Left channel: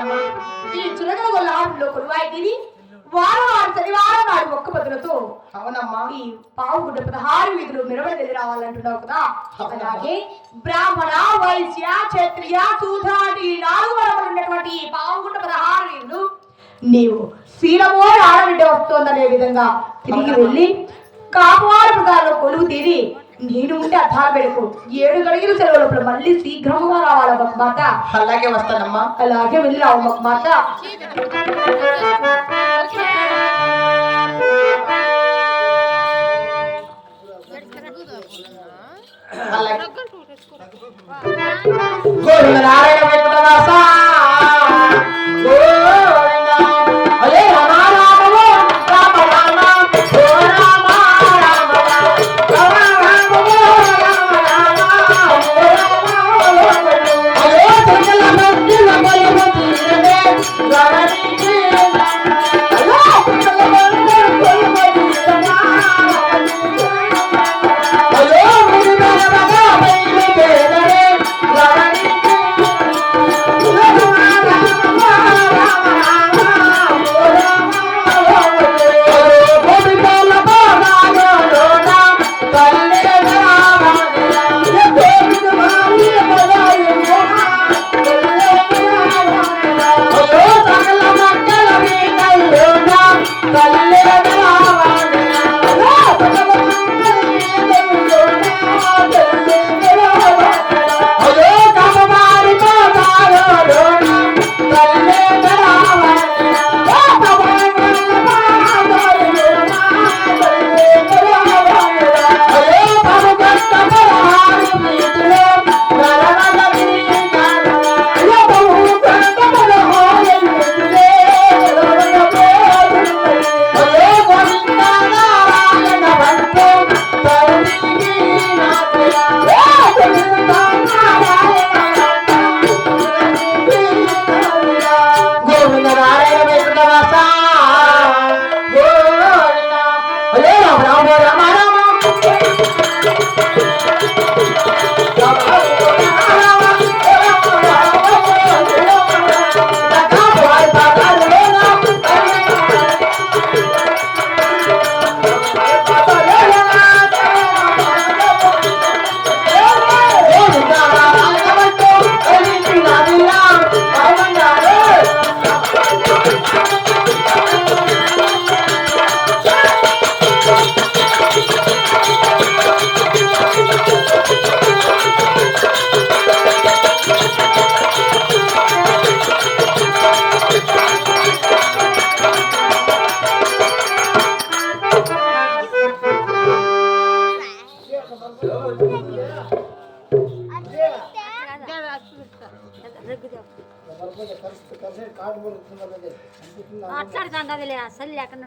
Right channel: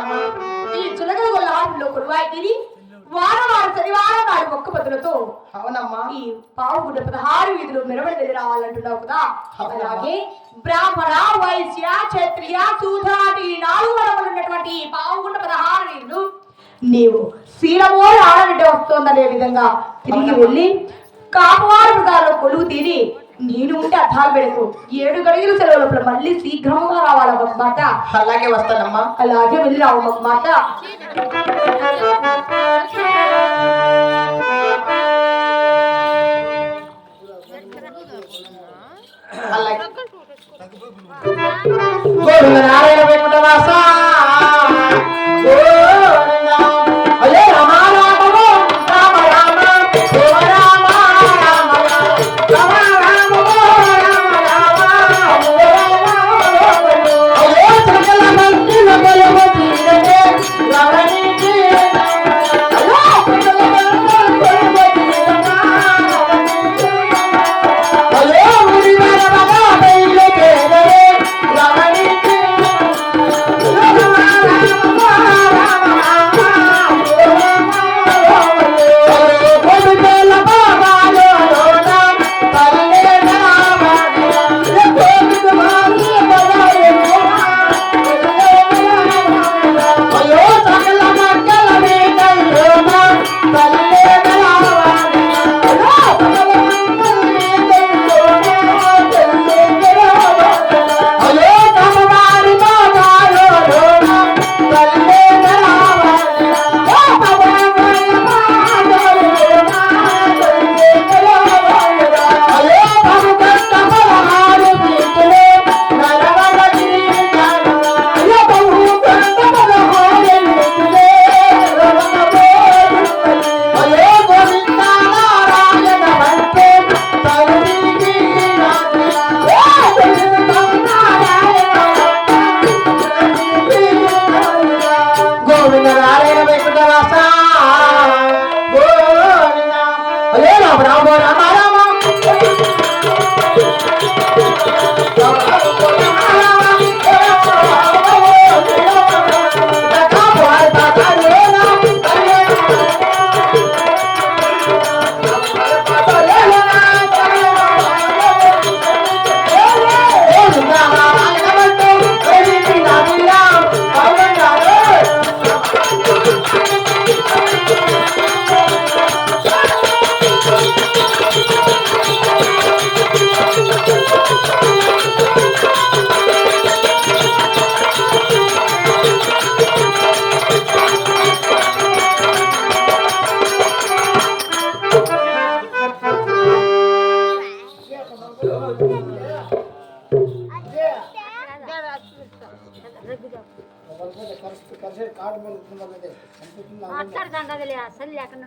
ఈ చులకల లాభంలో కురువాయి వారం శనివారం నాడు ఒక్క పదులతో అవునమ్మా ఈ పావుగుడ్డ 16 వీధులు మెరవడి రావాలంటున్నావు కదా. అలాగే బ్రాహ్మణ వైశ్య క్షత్రియ శూద్రాటి 4 వరములు ఉన్నటువంటి ఈ పావుగుడ్డ 16 వీధులు నీవు శీలమో ఆడబిడ్డ వస్తోందనే విధంగా తిరిగి వెళ్ళి కాపవారి ప్రకారంలో కొలువు తీరి నేను ఉంటే అర్థాలు పెడకు 7 గడియలు సెలవులు మళ్ళీ శీఘ్రంగా రావాలి ఒక మాట. అలాగే వస్తానమ్మా. అలాగే వెళ్ళి రావు ఒక మాట. నారాయణ వెంకటవాస అలే రామ రామ రామ రామ ఓ రామ రామ రామ రామ రామ రామ అలే చందల మందిర బలవతినే రావణికి అలే చందల మందిర బలవతినే అలే మునివర బాబా బైలు కేదరే రావణికి అసలు లేకుండా